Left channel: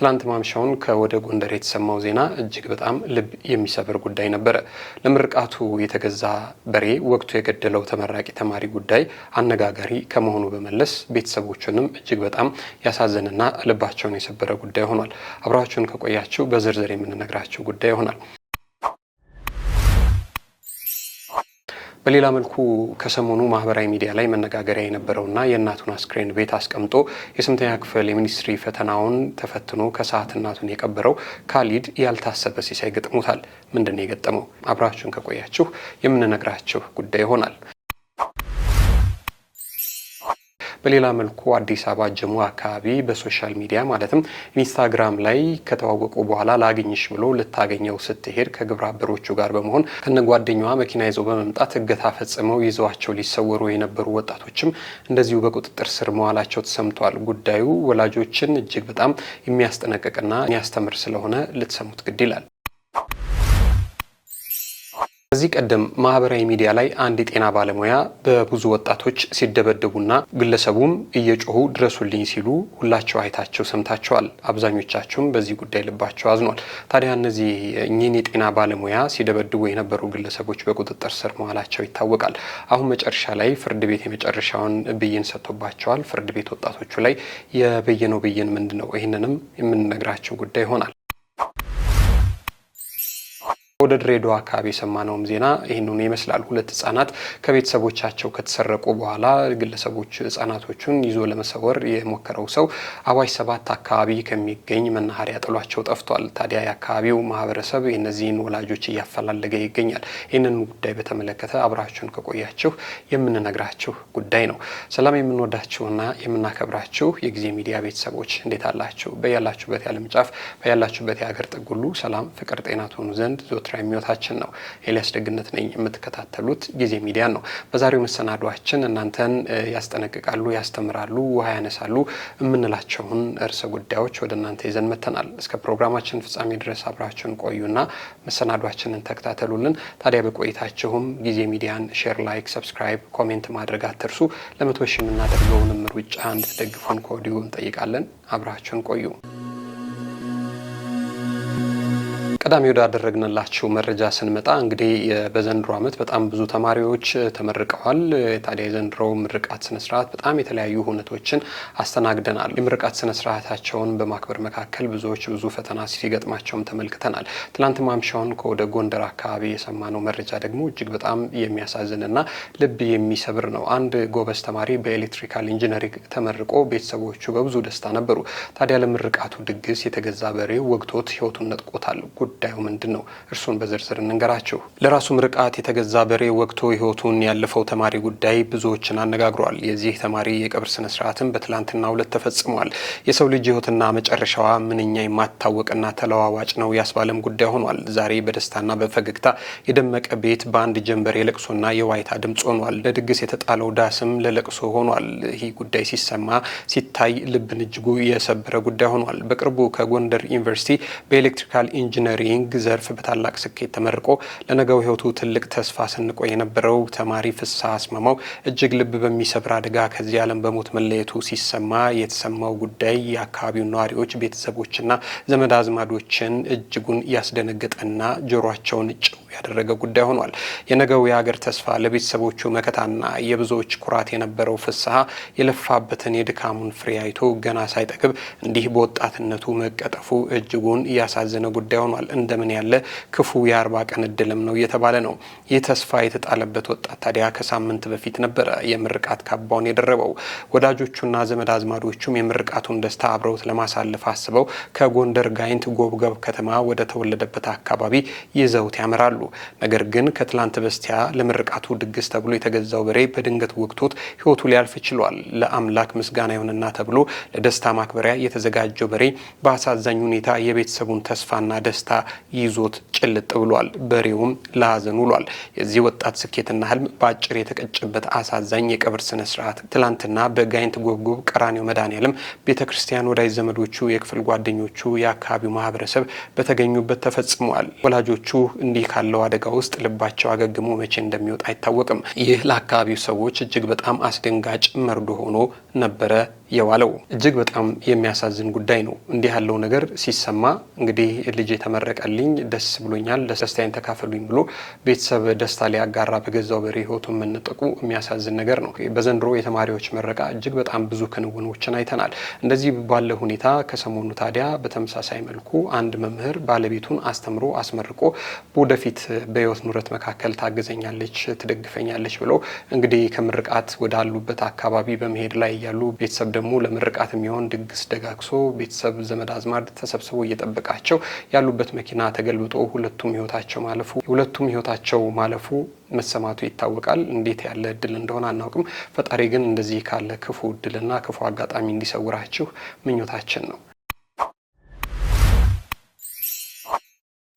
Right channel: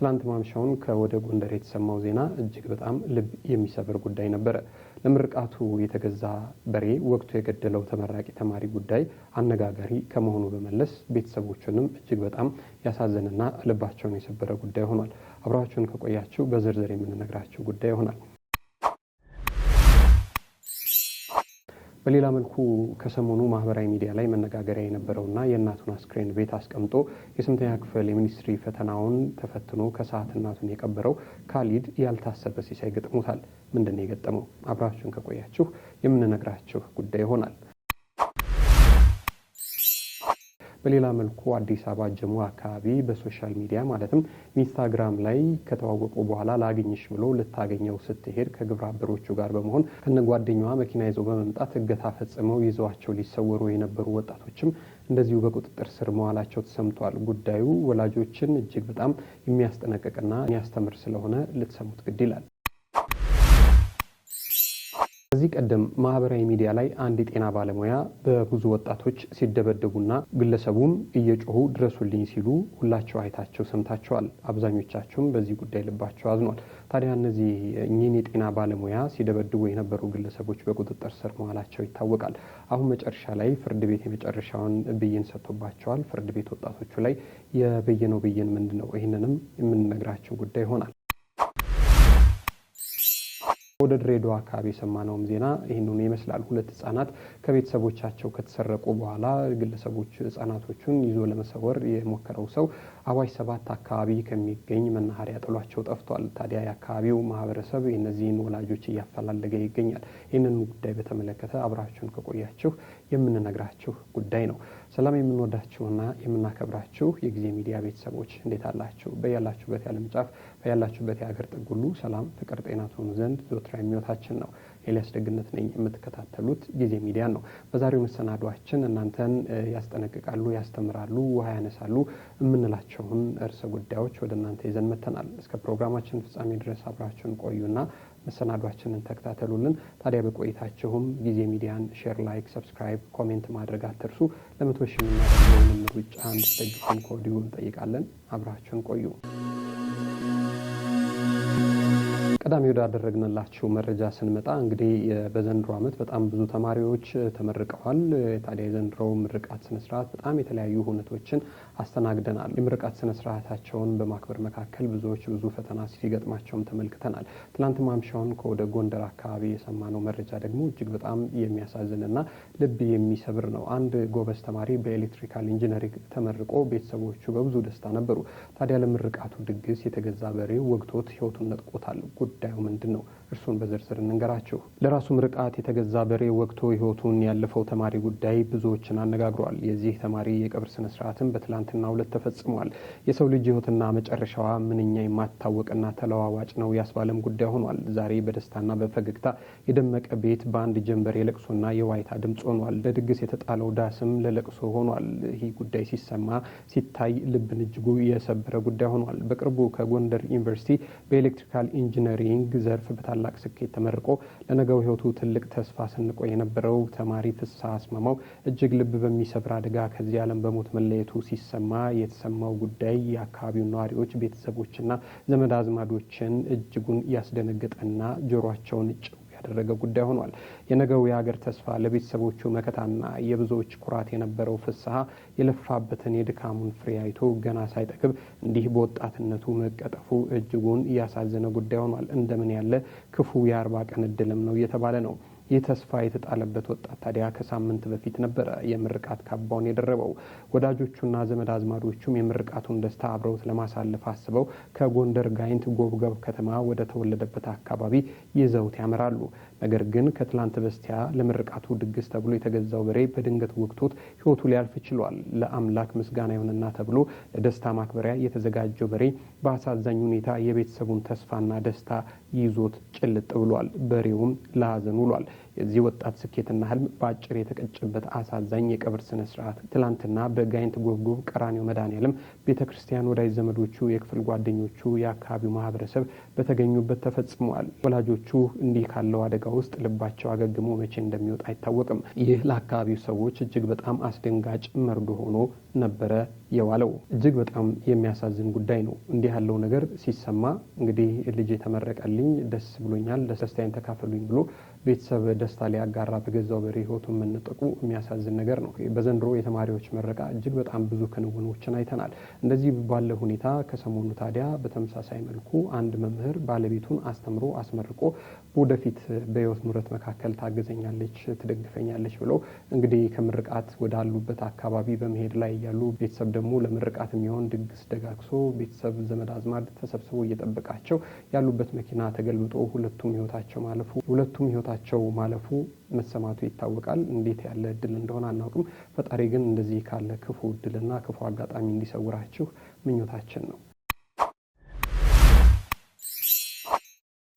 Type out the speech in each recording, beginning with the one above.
ትላንት ማምሻውን ከወደ ጎንደር የተሰማው ዜና እጅግ በጣም ልብ የሚሰብር ጉዳይ ነበረ። ለምርቃቱ የተገዛ በሬ ወቅቱ የገደለው ተመራቂ ተማሪ ጉዳይ አነጋጋሪ ከመሆኑ በመለስ ቤተሰቦቹንም እጅግ በጣም ያሳዘነና ልባቸውን የሰበረ ጉዳይ ሆኗል። አብራችሁን ከቆያችሁ በዝርዝር የምንነግራችሁ ጉዳይ ይሆናል። በሌላ መልኩ ከሰሞኑ ማህበራዊ ሚዲያ ላይ መነጋገሪያ የነበረውና የእናቱን አስክሬን ቤት አስቀምጦ የስምንተኛ ክፍል የሚኒስትሪ ፈተናውን ተፈትኖ ከሰዓት እናቱን የቀበረው ካሊድ ያልታሰበ ሲሳይ ገጥሞታል። ምንድን ነው የገጠመው? አብራችሁን ከቆያችሁ የምንነግራችሁ ጉዳይ ይሆናል። በሌላ መልኩ አዲስ አበባ ጀሞ አካባቢ በሶሻል ሚዲያ ማለትም ኢንስታግራም ላይ ከተዋወቁ በኋላ ላግኝሽ ብሎ ልታገኘው ስትሄድ ከግብረ አበሮቹ ጋር በመሆን ከነጓደኛዋ መኪና ይዘው በመምጣት እገታ ፈጽመው ይዘዋቸው ሊሰወሩ የነበሩ ወጣቶችም እንደዚሁ በቁጥጥር ስር መዋላቸው ተሰምቷል። ጉዳዩ ወላጆችን እጅግ በጣም የሚያስጠነቅቅና የሚያስተምር ስለሆነ ልትሰሙት ግድ ይላል። ከዚህ ቀደም ማህበራዊ ሚዲያ ላይ አንድ የጤና ባለሙያ በብዙ ወጣቶች ሲደበደቡና ግለሰቡም እየጮሁ ድረሱልኝ ሲሉ ሁላቸው አይታቸው ሰምታቸዋል። አብዛኞቻቸውም በዚህ ጉዳይ ልባቸው አዝኗል። ታዲያ እነዚህ እኚህን የጤና ባለሙያ ሲደበድቡ የነበሩ ግለሰቦች በቁጥጥር ስር መዋላቸው ይታወቃል። አሁን መጨረሻ ላይ ፍርድ ቤት የመጨረሻውን ብይን ሰጥቶባቸዋል። ፍርድ ቤት ወጣቶቹ ላይ የበየነው ብይን ምንድን ነው? ይህንንም የምንነግራቸው ጉዳይ ይሆናል። ወደ ድሬዳዋ አካባቢ የሰማነውም ዜና ይህንኑ ይመስላል። ሁለት ህጻናት ከቤተሰቦቻቸው ከተሰረቁ በኋላ ግለሰቦች ህጻናቶቹን ይዞ ለመሰወር የሞከረው ሰው አዋሽ 7 አካባቢ ከሚገኝ መናኸሪያ ጥሏቸው ጠፍቷል። ታዲያ የአካባቢው ማህበረሰብ የእነዚህን ወላጆች እያፈላለገ ይገኛል። ይህንን ጉዳይ በተመለከተ አብራችሁን ከቆያችሁ የምንነግራችሁ ጉዳይ ነው። ሰላም የምንወዳችሁና የምናከብራችሁ የጊዜ ሚዲያ ቤተሰቦች እንዴት አላችሁ? በያላችሁበት የዓለም ጫፍ በያላችሁበት የሀገር ጥግ ሁሉ ሰላም፣ ፍቅር፣ ጤና ትሆኑ ዘንድ የሚወታችን ነው። ኤልያስ ደግነት ነኝ። የምትከታተሉት ጊዜ ሚዲያን ነው። በዛሬው መሰናዷችን እናንተን ያስጠነቅቃሉ፣ ያስተምራሉ፣ ውሃ ያነሳሉ የምንላቸውን ርዕሰ ጉዳዮች ወደ እናንተ ይዘን መተናል። እስከ ፕሮግራማችን ፍጻሜ ድረስ አብራችሁን ቆዩና መሰናዷችንን ተከታተሉልን። ታዲያ በቆይታችሁም ጊዜ ሚዲያን ሼር፣ ላይክ፣ ሰብስክራይብ፣ ኮሜንት ማድረግ አትርሱ። ለ100 ሺህ የምናደርገውንም ሩጫ እንድትደግፉን ከወዲሁ እንጠይቃለን። አብራችሁን ቆዩ። ቀዳሚ ወዳደረግንላችሁ መረጃ ስንመጣ እንግዲህ በዘንድሮ ዓመት በጣም ብዙ ተማሪዎች ተመርቀዋል። ታዲያ የዘንድሮ ምርቃት ስነስርዓት በጣም የተለያዩ ሁነቶችን አስተናግደናል። የምርቃት ስነስርዓታቸውን በማክበር መካከል ብዙዎች ብዙ ፈተና ሲገጥማቸውም ተመልክተናል። ትላንት ማምሻውን ከወደ ጎንደር አካባቢ የሰማነው መረጃ ደግሞ እጅግ በጣም የሚያሳዝንና ልብ የሚሰብር ነው። አንድ ጎበዝ ተማሪ በኤሌክትሪካል ኢንጂነሪንግ ተመርቆ ቤተሰቦቹ በብዙ ደስታ ነበሩ። ታዲያ ለምርቃቱ ድግስ የተገዛ በሬ ወግቶት ህይወቱን ነጥቆታል። ጉዳዩ ምንድን ነው? እርሱን በዝርዝር እንንገራችሁ። ለራሱ ምርቃት የተገዛ በሬ ወግቶ ህይወቱን ያለፈው ተማሪ ጉዳይ ብዙዎችን አነጋግሯል። የዚህ ተማሪ የቀብር ስነስርዓትም በትላንትናው ዕለት ተፈጽሟል። የሰው ልጅ ህይወትና መጨረሻዋ ምንኛ የማታወቅና ተለዋዋጭ ነው ያስባለም ጉዳይ ሆኗል። ዛሬ በደስታና በፈገግታ የደመቀ ቤት በአንድ ጀንበር የለቅሶና የዋይታ ድምፅ ሆኗል። ለድግስ የተጣለው ዳስም ለለቅሶ ሆኗል። ይህ ጉዳይ ሲሰማ ሲታይ ልብን እጅጉ የሰበረ ጉዳይ ሆኗል። በቅርቡ ከጎንደር ዩኒቨርሲቲ በኤሌክትሪካል ኢንጂነሪንግ ዘርፍ በታላቅ ስኬት ተመርቆ ለነገው ህይወቱ ትልቅ ተስፋ ሰንቆ የነበረው ተማሪ ፍስሐ አስማማው እጅግ ልብ በሚሰብር አደጋ ከዚህ ዓለም በሞት መለየቱ ሲሰማ የተሰማው ጉዳይ የአካባቢው ነዋሪዎች፣ ቤተሰቦችና ዘመድ አዝማዶችን እጅጉን ያስደነገጠና ጆሯቸውን ጭው ያደረገ ጉዳይ ሆኗል። የነገው የሀገር ተስፋ ለቤተሰቦቹ መከታና የብዙዎች ኩራት የነበረው ፍስሐ የለፋበትን የድካሙን ፍሬ አይቶ ገና ሳይጠግብ እንዲህ በወጣትነቱ መቀጠፉ እጅጉን ያሳዘነ ጉዳይ ሆኗል። እንደምን ያለ ክፉ የ40 ቀን እድልም ነው እየተባለ ነው። ይህ ተስፋ የተጣለበት ወጣት ታዲያ ከሳምንት በፊት ነበረ የምርቃት ካባውን የደረበው። ወዳጆቹና ዘመድ አዝማዶቹም የምርቃቱን ደስታ አብረውት ለማሳለፍ አስበው ከጎንደር ጋይንት ጎብገብ ከተማ ወደ ተወለደበት አካባቢ ይዘውት ያመራሉ። ነገር ግን ከትላንት በስቲያ ለምርቃቱ ድግስ ተብሎ የተገዛው በሬ በድንገት ወግቶት ህይወቱ ሊያልፍ ችሏል። ለአምላክ ምስጋና ይሁንና ተብሎ ለደስታ ማክበሪያ የተዘጋጀው በሬ በአሳዛኝ ሁኔታ የቤተሰቡን ተስፋና ደስታ ይዞት ጭልጥ ብሏል። በሬውም ለሀዘን ውሏል። የዚህ ወጣት ስኬትና ህልም በአጭር የተቀጨበት አሳዛኝ የቀብር ስነ ስርዓት ትላንትና በጋይንት ጎብጎብ ቀራኒዮ መድኃኔዓለም ቤተክርስቲያን ወዳጅ ዘመዶቹ፣ የክፍል ጓደኞቹ፣ የአካባቢው ማህበረሰብ በተገኙበት ተፈጽሟል። ወላጆቹ እንዲህ ካለው አደጋ ውስጥ ልባቸው አገግሞ መቼ እንደሚወጣ አይታወቅም። ይህ ለአካባቢው ሰዎች እጅግ በጣም አስደንጋጭ መርዶ ሆኖ ነበረ የዋለው። እጅግ በጣም የሚያሳዝን ጉዳይ ነው። እንዲህ ያለው ነገር ሲሰማ እንግዲህ ልጅ የተመረቀልኝ ደስ ብሎኛል፣ ደስታዬን ተካፈሉኝ ብሎ ቤተሰብ ደስታ ሊያጋራ በገዛው በሬ ህይወቱን መነጠቁ የሚያሳዝን ነገር ነው። በዘንድሮ የተማሪዎች ምረቃ እጅግ በጣም ብዙ ክንውኖችን አይተናል። እንደዚህ ባለ ሁኔታ ከሰሞኑ ታዲያ በተመሳሳይ መልኩ አንድ መምህር ባለቤቱን አስተምሮ አስመርቆ ወደፊት በህይወት ኑረት መካከል ታግዘኛለች፣ ትደግፈኛለች ብሎ እንግዲህ ከምርቃት ወዳሉበት አካባቢ በመሄድ ላይ ያሉ ቤተሰብ ደግሞ ለምርቃት የሚሆን ድግስ ደጋግሶ ቤተሰብ ዘመድ አዝማድ ተሰብስቦ እየጠበቃቸው ያሉበት መኪና ተገልብጦ ሁለቱም ህይወታቸው ማለፉ መሰማቱ ይታወቃል። እንዴት ያለ እድል እንደሆነ አናውቅም። ፈጣሪ ግን እንደዚህ ካለ ክፉ እድልና ክፉ አጋጣሚ እንዲሰውራችሁ ምኞታችን ነው።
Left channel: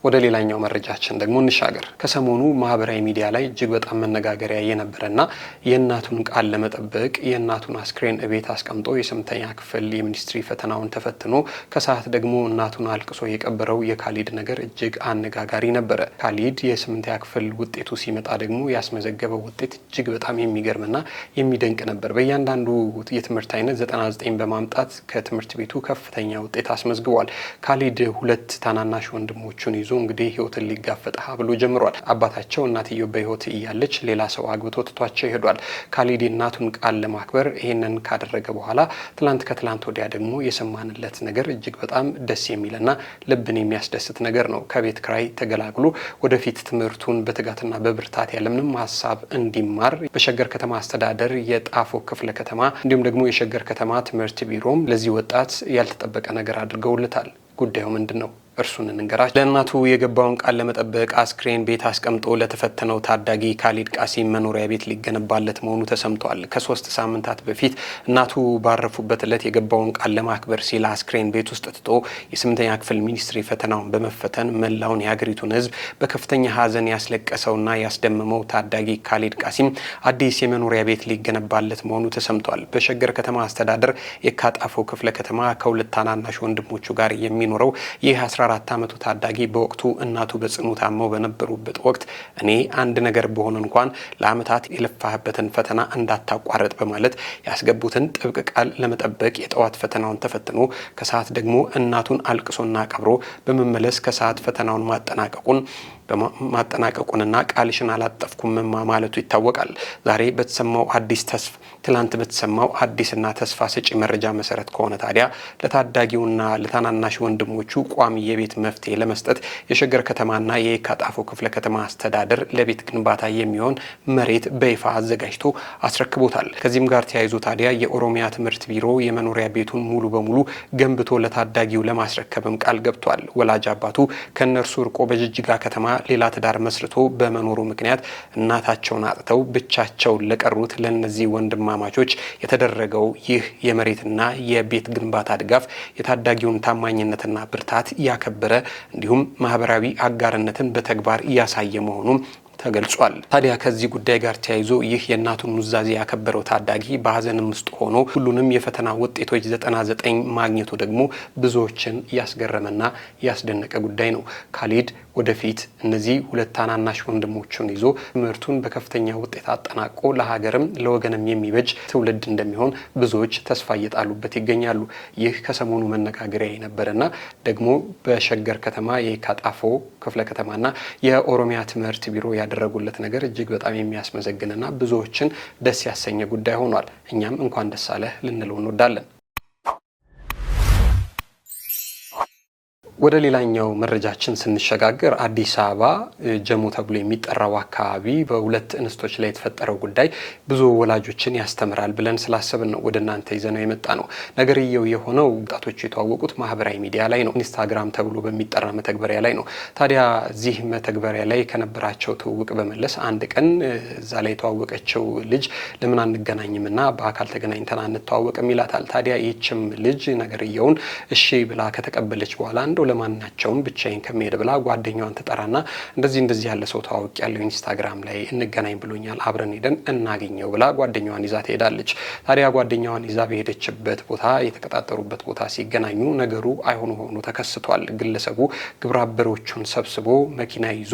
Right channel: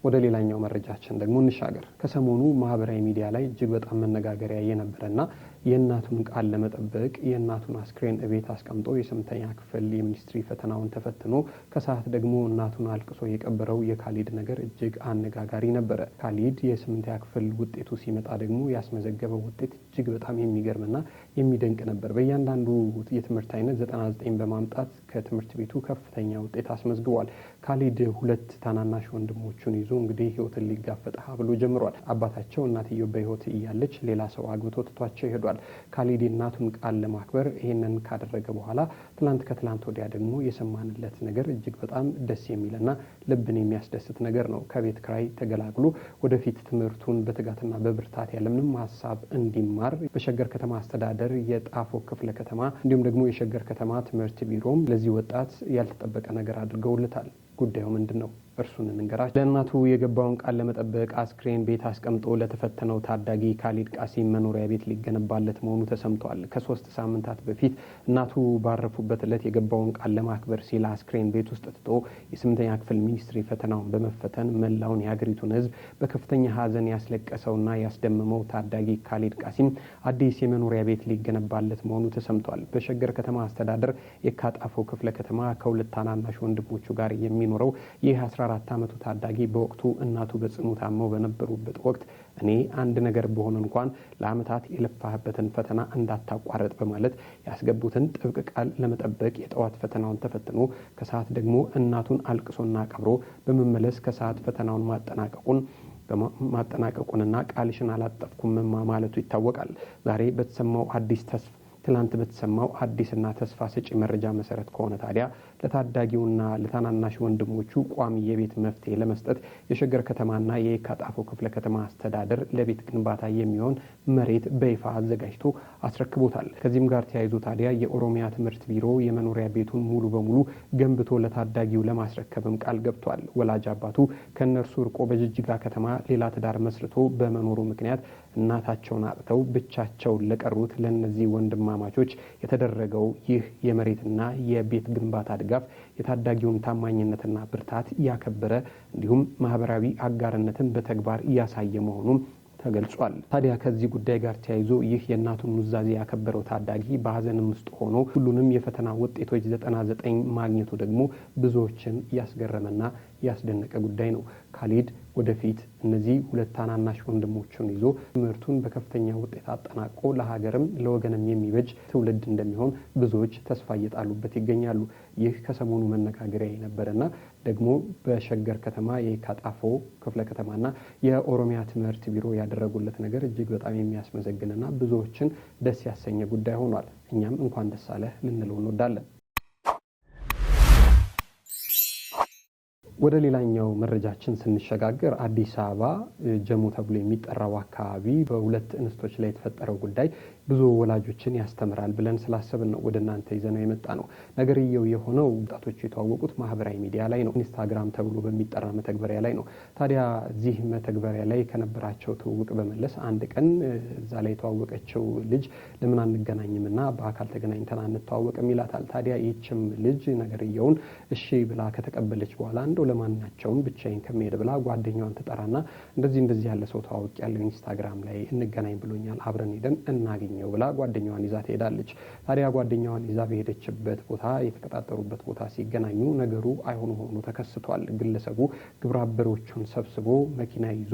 ወደ ሌላኛው መረጃችን ደግሞ እንሻገር። ከሰሞኑ ማህበራዊ ሚዲያ ላይ እጅግ በጣም መነጋገሪያ የነበረና የእናቱን ቃል ለመጠበቅ የእናቱን አስክሬን እቤት አስቀምጦ የ8ኛ ክፍል የሚኒስትሪ ፈተናውን ተፈትኖ ከሰዓት ደግሞ እናቱን አልቅሶ የቀበረው የካሊድ ነገር እጅግ አነጋጋሪ ነበረ። ካሊድ የ8ኛ ክፍል ውጤቱ ሲመጣ ደግሞ ያስመዘገበው ውጤት እጅግ በጣም የሚገርምና የሚደንቅ ነበር። በእያንዳንዱ የትምህርት አይነት 99 በማምጣት ከትምህርት ቤቱ ከፍተኛ ውጤት አስመዝግቧል። ካሊድ ሁለት ታናናሽ ወንድሞቹን ይዞ እንግዲህ ህይወትን ሊጋፈጥ ብሎ ጀምሯል። አባታቸው እናትየው በህይወት እያለች ሌላ ሰው አግብቶ ትቷቸው ይሄዷል። ካሊድ እናቱን ቃል ለማክበር ይሄንን ካደረገ በኋላ ከትላንት ወዲያ ደግሞ የሰማንለት ነገር እጅግ በጣም ደስ የሚልና ልብን የሚያስደስት ነገር ነው። ከቤት ክራይ ተገላግሎ ወደፊት ትምህርቱን በትጋትና በብርታት ያለምንም ሀሳብ እንዲማር በሸገር ከተማ አስተዳደር የጣፎ ክፍለ ከተማ እንዲሁም ደግሞ የሸገር ከተማ ትምህርት ቢሮም ለዚህ ወጣት ያልተጠበቀ ነገር አድርገውለታል። ጉዳዩ ምንድን ነው? እርሱን እንንገራችሁ። ለእናቱ የገባውን ቃል ለመጠበቅ አስክሬን ቤት አስቀምጦ ለተፈተነው ታዳጊ ካሊድ ቃሲም መኖሪያ ቤት ሊገነባለት መሆኑ ተሰምቷል። ከ3 ሳምንታት በፊት እናቱ ባረፉበት ዕለት የገባውን ቃል ለማክበር ሲል አስክሬን ቤት ውስጥ ትቶ የ8ኛ ክፍል ሚኒስትሪ ፈተናውን በመፈተን መላውን የሀገሪቱን ሕዝብ በከፍተኛ ሀዘን ያስለቀሰውና ያስደመመው ታዳጊ ካሊድ ቃሲም አዲስ የመኖሪያ ቤት ሊገነባለት መሆኑ ተሰምቷል። በሸገር ከተማ አስተዳደር የካጣፎ ክፍለ ከተማ ከሁለት ታናናሽ ወንድሞቹ ጋር የሚኖረው ይህ 14 ዓመቱ ታዳጊ በወቅቱ እናቱ በጽኑ ታመው በነበሩበት ወቅት እኔ አንድ ነገር በሆነ እንኳን ለዓመታት የለፋህበትን ፈተና እንዳታቋረጥ በማለት ያስገቡትን ጥብቅ ቃል ለመጠበቅ የጠዋት ፈተናውን ተፈትኖ ከሰዓት ደግሞ እናቱን አልቅሶና ቀብሮ በመመለስ ከሰዓት ፈተናውን ማጠናቀቁንና ቃልሽን አላጠፍኩም ማለቱ ይታወቃል። ዛሬ በተሰማው ትላንት በተሰማው አዲስና ተስፋ ሰጪ መረጃ መሰረት ከሆነ ታዲያ ለታዳጊውና ለታናናሽ ወንድሞቹ ቋሚ የቤት መፍትሄ ለመስጠት የሸገር ከተማና የካጣፎ ክፍለ ከተማ አስተዳደር ለቤት ግንባታ የሚሆን መሬት በይፋ አዘጋጅቶ አስረክቦታል። ከዚህም ጋር ተያይዞ ታዲያ የኦሮሚያ ትምህርት ቢሮ የመኖሪያ ቤቱን ሙሉ በሙሉ ገንብቶ ለታዳጊው ለማስረከብም ቃል ገብቷል። ወላጅ አባቱ ከነርሱ ርቆ በጅጅጋ ከተማ ሌላ ትዳር መስርቶ በመኖሩ ምክንያት እናታቸውን አጥተው ብቻቸውን ለቀሩት ለነዚህ ወንድማማቾች የተደረገው ይህ የመሬትና የቤት ግንባታ ድጋፍ የታዳጊውን ታማኝነትና ብርታት ያከበረ እንዲሁም ማህበራዊ አጋርነትን በተግባር እያሳየ መሆኑም ተገልጿል። ታዲያ ከዚህ ጉዳይ ጋር ተያይዞ ይህ የእናቱን ኑዛዜ ያከበረው ታዳጊ በሀዘንም ውስጥ ሆኖ ሁሉንም የፈተና ውጤቶች 99 ማግኘቱ ደግሞ ብዙዎችን ያስገረመና ያስደነቀ ጉዳይ ነው። ካሊድ ወደፊት እነዚህ ሁለት ታናናሽ ወንድሞቹን ይዞ ትምህርቱን በከፍተኛ ውጤት አጠናቆ ለሀገርም ለወገንም የሚበጅ ትውልድ እንደሚሆን ብዙዎች ተስፋ እየጣሉበት ይገኛሉ። ይህ ከሰሞኑ መነጋገሪያ የነበረና ደግሞ በሸገር ከተማ የካጣፎ ክፍለ ከተማና የኦሮሚያ ትምህርት ቢሮ ያደረጉለት ነገር እጅግ በጣም የሚያስመሰግንና ብዙዎችን ደስ ያሰኘ ጉዳይ ሆኗል። እኛም እንኳን ደስ አለህ ልንለው እንወዳለን። ወደ ሌላኛው መረጃችን ስንሸጋገር አዲስ አበባ ጀሞ ተብሎ የሚጠራው አካባቢ በሁለት እንስቶች ላይ የተፈጠረው ጉዳይ ብዙ ወላጆችን ያስተምራል ብለን ስላሰብን ነው ወደ እናንተ ይዘነው የመጣ ነው። ነገርየው የሆነው ወጣቶቹ የተዋወቁት ማህበራዊ ሚዲያ ላይ ነው፣ ኢንስታግራም ተብሎ በሚጠራ መተግበሪያ ላይ ነው። ታዲያ እዚህ መተግበሪያ ላይ ከነበራቸው ትውውቅ በመለስ አንድ ቀን እዛ ላይ የተዋወቀችው ልጅ ለምን አንገናኝምና በአካል ተገናኝተን አንተዋወቅም ይላታል። ታዲያ ይህችም ልጅ ነገርየውን እሺ ብላ ከተቀበለች በኋላ እንደው ለማናቸውም ብቻዬን ከመሄድ ብላ ጓደኛዋን ተጠራና እንደዚህ ያለ ሰው ተዋውቅ ያለው ኢንስታግራም ላይ እንገናኝ ብሎኛል፣ አብረን ሄደን እናገኘው ብላ ጓደኛዋን ይዛ ትሄዳለች። ታዲያ ጓደኛዋን ይዛ በሄደችበት ቦታ የተቀጣጠሩበት ቦታ ሲገናኙ ነገሩ አይሆኑ ሆኖ ተከስቷል። ግለሰቡ ግብረ አበሮቹን ሰብስቦ መኪና ይዞ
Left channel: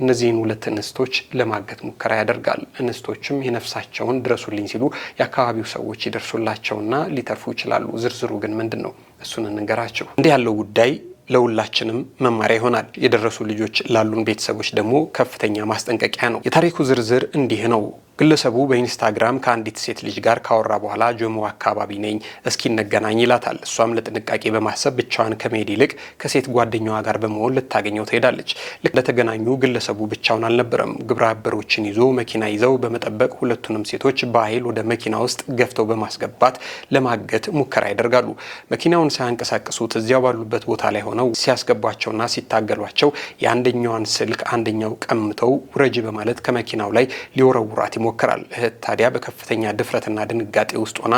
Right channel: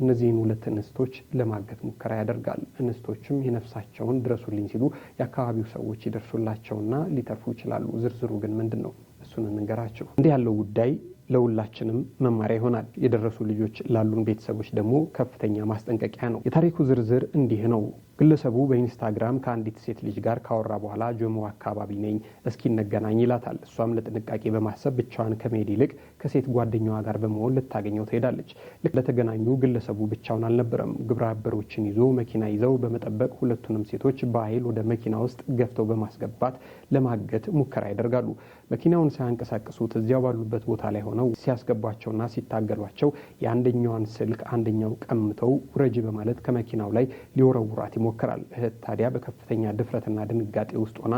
እነዚህን ሁለት እንስቶች ለማገት ሙከራ ያደርጋል። እንስቶችም የነፍሳቸውን ድረሱልኝ ሲሉ የአካባቢው ሰዎች ይደርሱላቸውና ሊተርፉ ይችላሉ። ዝርዝሩ ግን ምንድን ነው? እሱን እንንገራቸው። እንዲህ ያለው ጉዳይ ለሁላችንም መማሪያ ይሆናል። የደረሱ ልጆች ላሉን ቤተሰቦች ደግሞ ከፍተኛ ማስጠንቀቂያ ነው። የታሪኩ ዝርዝር እንዲህ ነው። ግለሰቡ በኢንስታግራም ከአንዲት ሴት ልጅ ጋር ካወራ በኋላ ጆሞ አካባቢ ነኝ እስኪ እንገናኝ ይላታል። እሷም ለጥንቃቄ በማሰብ ብቻዋን ከመሄድ ይልቅ ከሴት ጓደኛዋ ጋር በመሆን ልታገኘው ትሄዳለች። ልክ ለተገናኙ ግለሰቡ ብቻውን አልነበረም። ግብረ አበሮችን ይዞ መኪና ይዘው በመጠበቅ ሁለቱንም ሴቶች በኃይል ወደ መኪና ውስጥ ገፍተው በማስገባት ለማገት ሙከራ ያደርጋሉ። መኪናውን ሳያንቀሳቅሱት እዚያው ባሉበት ቦታ ላይ ሆነው ሲያስገቧቸውና ሲታገሏቸው የአንደኛዋን ስልክ አንደኛው ቀምተው ውረጅ በማለት ከመኪናው ላይ ሊወረውራት ይሞክራል። እህት ታዲያ በከፍተኛ ድፍረትና ድንጋጤ ውስጥ ሆና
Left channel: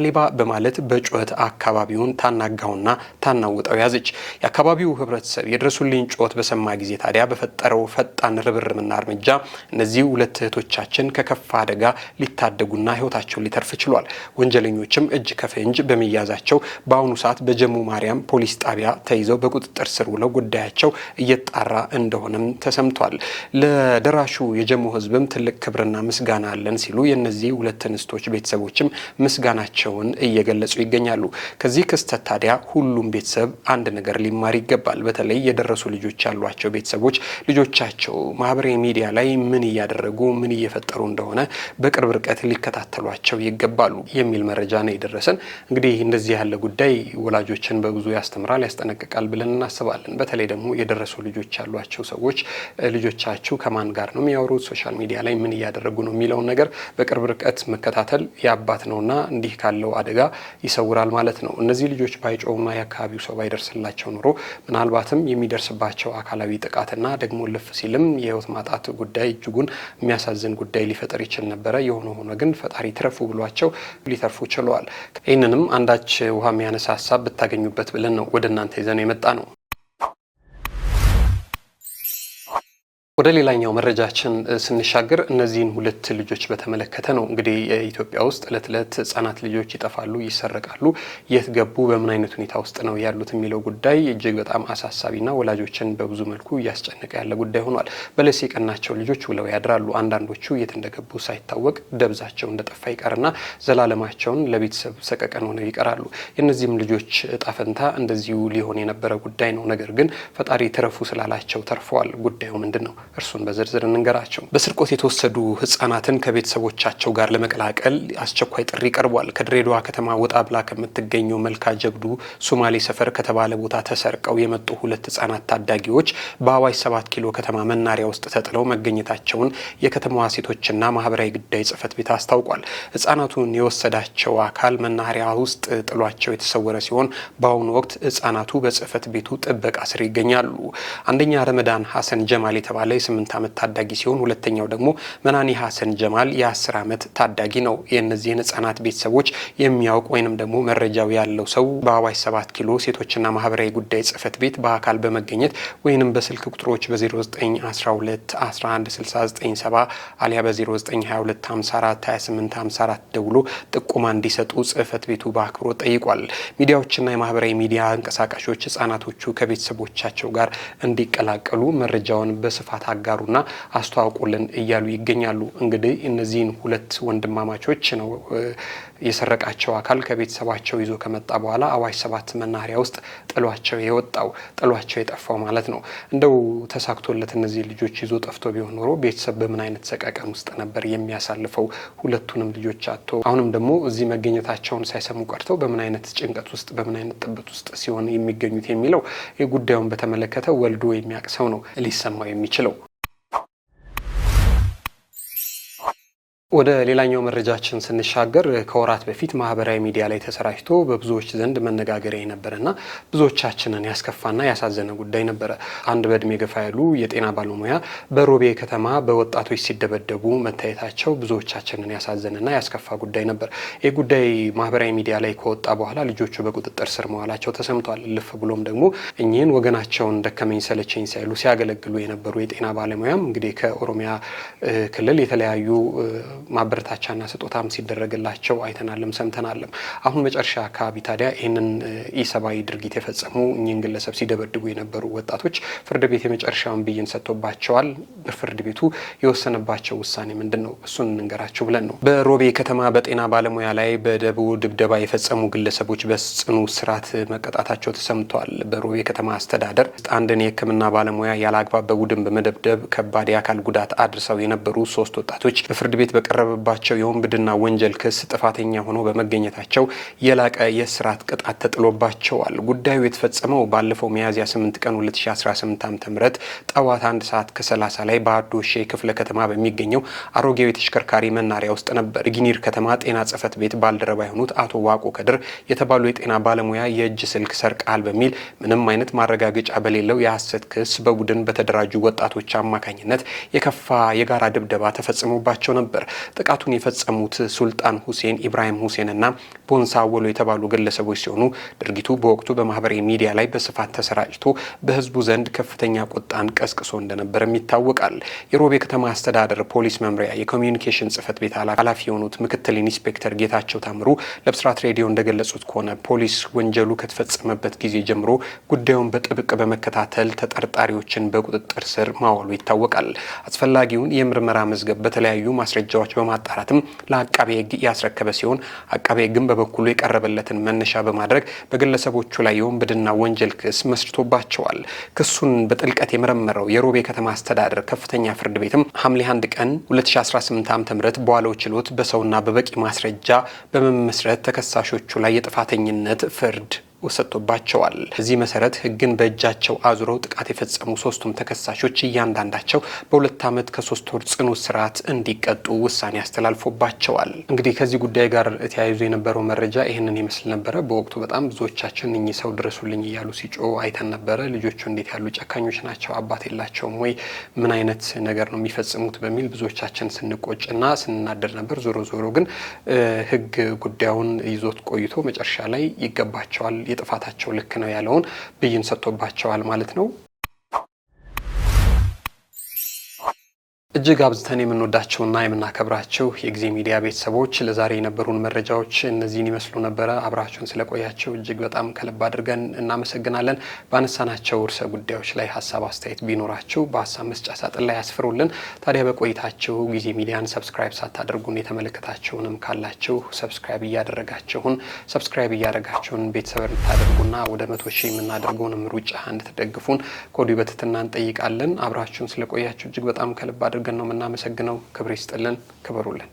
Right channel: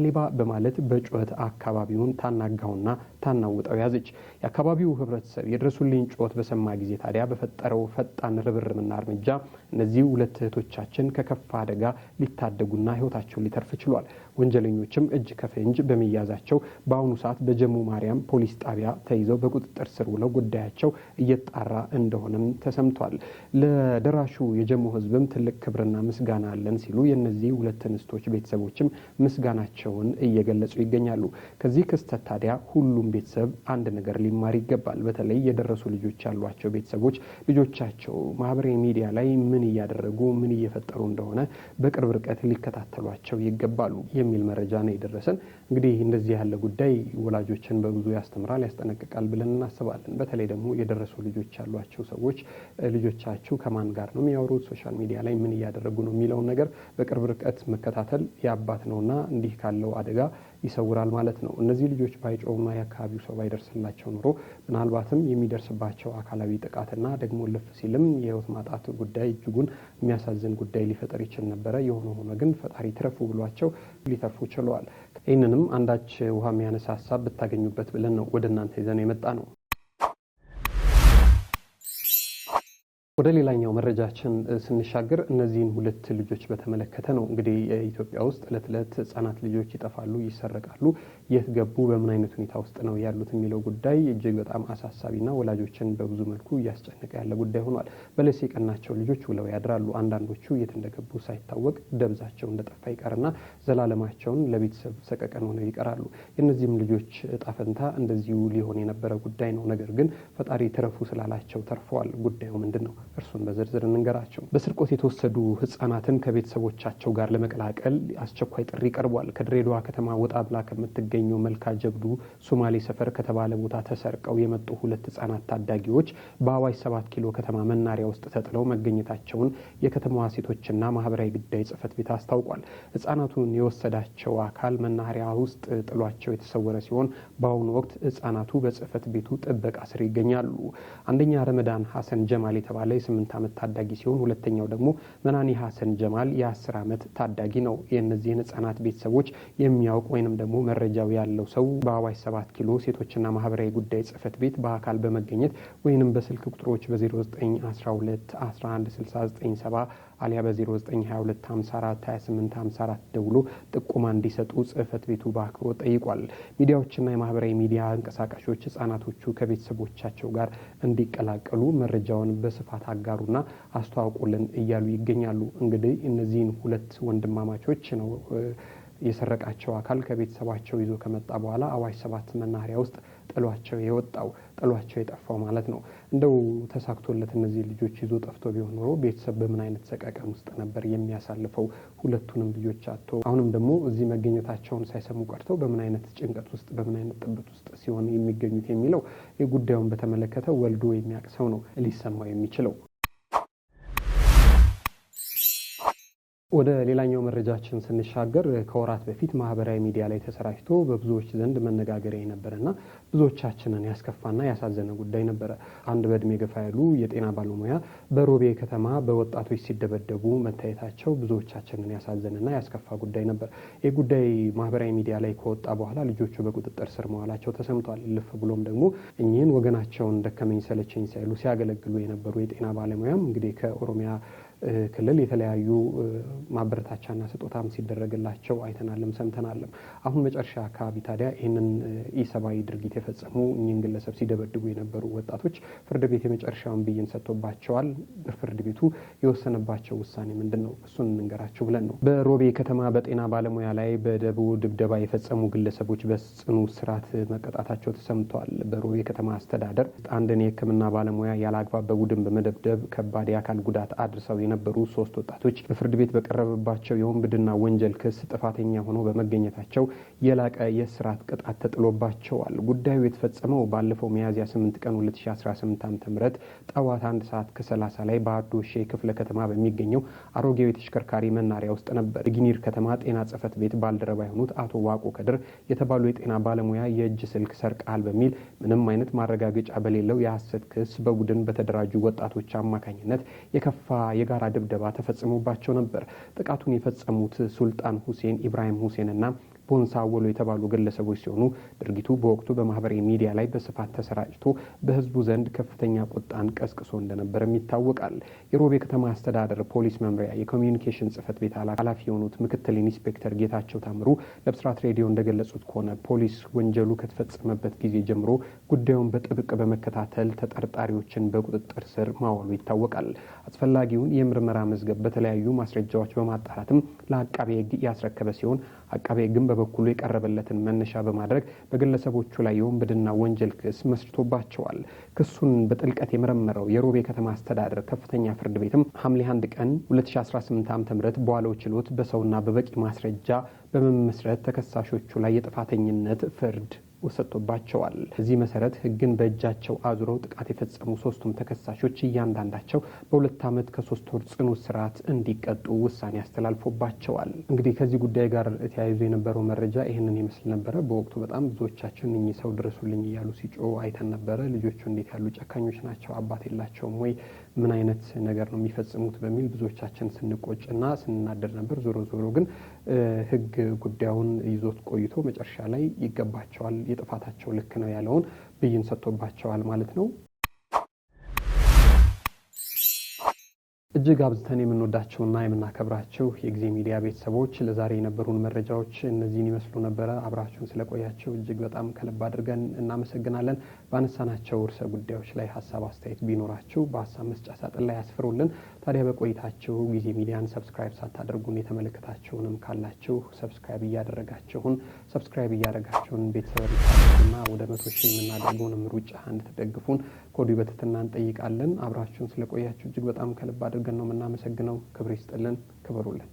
ሌባ በማለት በጩኸት አካባቢውን ታናጋውና ታናውጠው ያዘች። የአካባቢው ህብረተሰብ የድረሱልኝ ጩኸት በሰማ ጊዜ ታዲያ በፈጠረው ፈጣን ርብርብና እርምጃ እነዚህ ሁለት እህቶቻችን ከከፋ አደጋ ሊታደጉና ህይወታቸው ሊተርፍ ችሏል። ወንጀለኞችም እጅ ከፍንጅ በመያዛቸው በአሁኑ ሰዓት በጀሙ ማርያም ፖሊስ ጣቢያ ተይዘው በቁጥጥር ስር ውለው ጉዳያቸው እየጣራ እንደሆነም ተሰምቷል። ለደራሹ የጀሙ ህዝብም ትልቅ ክብርና ምስጋና አለን ሲሉ የነዚህ ሁለት እንስቶች ቤተሰቦችም ምስጋናቸውን እየገለጹ ይገኛሉ። ከዚህ ክስተት ታዲያ ሁሉም ቤተሰብ አንድ ነገር ሊማር ይገባል። በተለይ የደረሱ ልጆች ያሏቸው ቤተሰቦች ልጆቻቸው ማህበራዊ ሚዲያ ላይ ምን እያደረጉ ምን እየፈጠሩ እንደሆነ በቅርብ ርቀት ሊከታተሏቸው ይገባሉ የሚል መረጃ ነው የደረሰን። እንግዲህ እንደዚህ ያለ ጉዳይ ወላጆችን በብዙ ያስተምራል፣ ያስጠነቅቃል ብለን እናስባለን። በተለይ ደግሞ የደረሱ ልጆች ያሏቸው ሰዎች ልጆቻችሁ ከማን ጋር ነው የሚያወሩት፣ ሶሻል ሚዲያ ላይ ምን እያደረጉ ነው የሚለውን ነገር በቅርብ ርቀት መከታተል የአባት ነውና እንዲህ ካለው አደጋ ይሰውራል ማለት ነው። እነዚህ ልጆች ባይጮውና የአካባቢው ሰው ባይደርስላቸው ኑሮ ምናልባትም የሚደርስባቸው አካላዊ ጥቃትና ደግሞ ልፍ ሲልም የህይወት ማጣት ጉዳይ እጅጉን የሚያሳዝን ጉዳይ ሊፈጠር ይችል ነበረ። የሆነ ሆኖ ግን ፈጣሪ ትረፉ ብሏቸው ሊተርፉ ችለዋል። ይህንንም አንዳች ውሃ የሚያነሳ ሀሳብ ብታገኙበት ብለን ነው ወደ እናንተ ይዘን የመጣ ነው። ወደ ሌላኛው መረጃችን ስንሻገር እነዚህን ሁለት ልጆች በተመለከተ ነው። እንግዲህ ኢትዮጵያ ውስጥ እለት እለት ህጻናት ልጆች ይጠፋሉ፣ ይሰረቃሉ። የት ገቡ፣ በምን አይነት ሁኔታ ውስጥ ነው ያሉት የሚለው ጉዳይ እጅግ በጣም አሳሳቢና ወላጆችን በብዙ መልኩ እያስጨነቀ ያለ ጉዳይ ሆኗል። በለስ የቀናቸው ልጆች ውለው ያድራሉ። አንዳንዶቹ የት እንደገቡ ሳይታወቅ ደብዛቸው እንደጠፋ ይቀርና ዘላለማቸውን ለቤተሰብ ሰቀቀን ሆነው ይቀራሉ። የእነዚህም ልጆች እጣ ፈንታ እንደዚሁ ሊሆን የነበረ ጉዳይ ነው። ነገር ግን ፈጣሪ ትረፉ ስላላቸው ተርፈዋል። ጉዳዩ ምንድን ነው? እርሱን በዝርዝር እንንገራቸው። በስርቆት የተወሰዱ ህጻናትን ከቤተሰቦቻቸው ጋር ለመቀላቀል አስቸኳይ ጥሪ ቀርቧል። ከድሬዳዋ ከተማ ወጣ ብላ ከምትገኘው መልካ ጀብዱ ሶማሌ ሰፈር ከተባለ ቦታ ተሰርቀው የመጡ ሁለት ህጻናት ታዳጊዎች በአዋሽ 7 ኪሎ ከተማ መናሪያ ውስጥ ተጥለው መገኘታቸውን የከተማዋ ሴቶችና ማህበራዊ ጉዳይ ጽህፈት ቤት አስታውቋል። ህጻናቱን የወሰዳቸው አካል መናሪያ ውስጥ ጥሏቸው የተሰወረ ሲሆን በአሁኑ ወቅት ህጻናቱ በጽህፈት ቤቱ ጥበቃ ስር ይገኛሉ። አንደኛ ረመዳን ሀሰን ጀማል የተባለ የ8 ዓመት ታዳጊ ሲሆን ሁለተኛው ደግሞ መናኒ ሀሰን ጀማል የ10 ዓመት ታዳጊ ነው። የእነዚህን ህጻናት ቤተሰቦች የሚያውቅ ወይንም ደግሞ መረጃው ያለው ሰው በአዋሽ 7 ኪሎ ሴቶችና ማህበራዊ ጉዳይ ጽህፈት ቤት በአካል በመገኘት ወይንም በስልክ ቁጥሮች በ0912 116970 አሊያ በ0922 54 28 54 ደውሎ ጥቆማ እንዲሰጡ ጽህፈት ቤቱ በአክብሮት ጠይቋል። ሚዲያዎችና የማህበራዊ ሚዲያ እንቀሳቃሾች ህጻናቶቹ ከቤተሰቦቻቸው ጋር እንዲቀላቀሉ መረጃውን በስፋት አጋሩና አስተዋውቁልን እያሉ ይገኛሉ። እንግዲህ እነዚህን ሁለት ወንድማማቾች ነው የሰረቃቸው አካል ከቤተሰባቸው ይዞ ከመጣ በኋላ አዋሽ 7 መናኸሪያ ውስጥ ጥሏቸው የጠፋው ማለት ነው። እንደው ተሳክቶለት እነዚህ ልጆች ይዞ ጠፍቶ ቢሆን ኖሮ ቤተሰብ በምን አይነት ሰቀቀን ውስጥ ነበር የሚያሳልፈው? ሁለቱንም ልጆች አጥቶ አሁንም ደግሞ እዚህ መገኘታቸውን ሳይሰሙ ቀርተው በምን አይነት ጭንቀት ውስጥ በምን አይነት ጥበት ውስጥ ሲሆን የሚገኙት የሚለው የጉዳዩን በተመለከተ ወልዶ የሚያውቅ ሰው ነው ሊሰማው የሚችለው። ወደ ሌላኛው መረጃችን ስንሻገር ከወራት በፊት ማህበራዊ ሚዲያ ላይ ተሰራጭቶ በብዙዎች ዘንድ መነጋገሪያ የነበረና ብዙዎቻችንን ያስከፋና ያሳዘነ ጉዳይ ነበረ። አንድ በእድሜ ገፋ ያሉ የጤና ባለሙያ በሮቤ ከተማ በወጣቶች ሲደበደቡ መታየታቸው ብዙዎቻችንን ያሳዘነና ያስከፋ ጉዳይ ነበር። ይህ ጉዳይ ማህበራዊ ሚዲያ ላይ ከወጣ በኋላ ልጆቹ በቁጥጥር ስር መዋላቸው ተሰምቷል። ልፍ ብሎም ደግሞ እኚህን ወገናቸውን ደከመኝ ሰለቸኝ ሳይሉ ሲያገለግሉ የነበሩ የጤና ባለሙያም እንግዲህ ከኦሮሚያ ክልል የተለያዩ ማበረታቻና ስጦታም ሲደረግላቸው አይተናልም ሰምተናልም። አሁን መጨረሻ አካባቢ ታዲያ ይህንን ኢሰብአዊ ድርጊት የፈጸሙ እኚህን ግለሰብ ሲደበድቡ የነበሩ ወጣቶች ፍርድ ቤት የመጨረሻውን ብይን ሰጥቶባቸዋል። በፍርድ ቤቱ የወሰነባቸው ውሳኔ ምንድን ነው? እሱን እንንገራችሁ ብለን ነው። በሮቤ ከተማ በጤና ባለሙያ ላይ በደቡ ድብደባ የፈጸሙ ግለሰቦች በጽኑ እስራት መቀጣታቸው ተሰምተዋል። በሮቤ ከተማ አስተዳደር አንድን የሕክምና ባለሙያ ያለአግባብ በቡድን በመደብደብ ከባድ የአካል ጉዳት አድርሰው የነበሩ 3 ወጣቶች በፍርድ ቤት በቀረበባቸው የወንብድና ወንጀል ክስ ጥፋተኛ ሆኖ በመገኘታቸው የላቀ የእስራት ቅጣት ተጥሎባቸዋል። ጉዳዩ የተፈጸመው ባለፈው ሚያዝያ 8 ቀን 2018 ዓ.ም ጠዋት 1 ሰዓት ከ30 ላይ በአዶሼ ክፍለ ከተማ በሚገኘው አሮጌው የተሽከርካሪ መናሪያ ውስጥ ነበር። ጊኒር ከተማ ጤና ጽሕፈት ቤት ባልደረባ የሆኑት አቶ ዋቆ ከድር የተባሉ የጤና ባለሙያ የእጅ ስልክ ሰርቀዋል በሚል ምንም አይነት ማረጋገጫ በሌለው የሐሰት ክስ በቡድን በተደራጁ ወጣቶች አማካኝነት የከፋ የጋራ ድብደባ ተፈጽሞባቸው ነበር። ጥቃቱን የፈጸሙት ሱልጣን ሁሴን፣ ኢብራሂም ሁሴን እና ቦንሳ ወሎ የተባሉ ግለሰቦች ሲሆኑ ድርጊቱ በወቅቱ በማህበራዊ ሚዲያ ላይ በስፋት ተሰራጭቶ በህዝቡ ዘንድ ከፍተኛ ቁጣን ቀስቅሶ እንደነበርም ይታወቃል። የሮቤ ከተማ አስተዳደር ፖሊስ መምሪያ የኮሚዩኒኬሽን ጽሕፈት ቤት ኃላፊ የሆኑት ምክትል ኢንስፔክተር ጌታቸው ታምሩ ለብስራት ሬዲዮ እንደገለጹት ከሆነ ፖሊስ ወንጀሉ ከተፈጸመበት ጊዜ ጀምሮ ጉዳዩን በጥብቅ በመከታተል ተጠርጣሪዎችን በቁጥጥር ስር ማዋሉ ይታወቃል። አስፈላጊውን የምርመራ መዝገብ በተለያዩ ማስረጃዎች በማጣራትም ለአቃቤ ሕግ ያስረከበ ሲሆን አቃቤ ሕግም በበኩሉ የቀረበለትን መነሻ በማድረግ በግለሰቦቹ ላይ የወንብድና ወንጀል ክስ መስርቶባቸዋል። ክሱን በጥልቀት የመረመረው የሮቤ ከተማ አስተዳደር ከፍተኛ ፍርድ ቤትም ሐምሌ 1 ቀን 2018 ዓ.ም በዋለው ችሎት በሰውና በበቂ ማስረጃ በመመስረት ተከሳሾቹ ላይ የጥፋተኝነት ፍርድ ወሰጥቶባቸዋል። በዚህ መሰረት ሕግን በእጃቸው አዙረው ጥቃት የፈጸሙ 3ቱም ተከሳሾች እያንዳንዳቸው በ2 ዓመት ከ3 ወር ጽኑ እስራት እንዲቀጡ ውሳኔ አስተላልፎባቸዋል። እንግዲህ ከዚህ ጉዳይ ጋር ተያይዞ የነበረው መረጃ ይህንን ይመስል ነበረ። በወቅቱ በጣም ብዙዎቻችን እኚህ ሰው ድረሱልኝ እያሉ ሲጮህ አይተን ነበረ። ልጆቹ እንዴት ያሉ ጨካኞች ናቸው፣ አባት የላቸውም ወይ፣ ምን አይነት ነገር ነው የሚፈጽሙት በሚል ብዙዎቻችን ስንቆጭና ስንናደር ነበር። ዞሮ ዞሮ ግን ሕግ ጉዳዩን ይዞት ቆይቶ መጨረሻ ላይ ይገባቸዋል፣ የጥፋታቸው ልክ ነው ያለውን ብይን ሰጥቶባቸዋል ማለት ነው። እጅግ አብዝተን የምንወዳቸውና የምናከብራቸው የጊዜ ሚዲያ ቤተሰቦች ለዛሬ የነበሩን መረጃዎች እነዚህን ይመስሉ ነበረ። አብራችሁን ስለቆያቸው እጅግ በጣም ከልብ አድርገን እናመሰግናለን። ባነሳናቸው ርዕሰ ጉዳዮች ላይ ሀሳብ አስተያየት ቢኖራችሁ በሀሳብ መስጫ ሳጥን ላይ ያስፍሩልን። ታዲያ በቆይታችሁ ጊዜ ሚዲያን ሰብስክራይብ ሳታደርጉን የተመለከታችሁንም ካላችሁ ሰብስክራይብ እያደረጋችሁን ቤተሰብ እንድታደርጉና ወደ 100,000 የምናደርገውንም ሩጫ እንድትደግፉን ከወዲሁ በትህትና እንጠይቃለን። አብራችሁን ስለቆያችሁ እጅግ በጣም ከልብ አድርገን ነው የምናመሰግነው። ክብር ይስጥልን፣ ክበሩልን።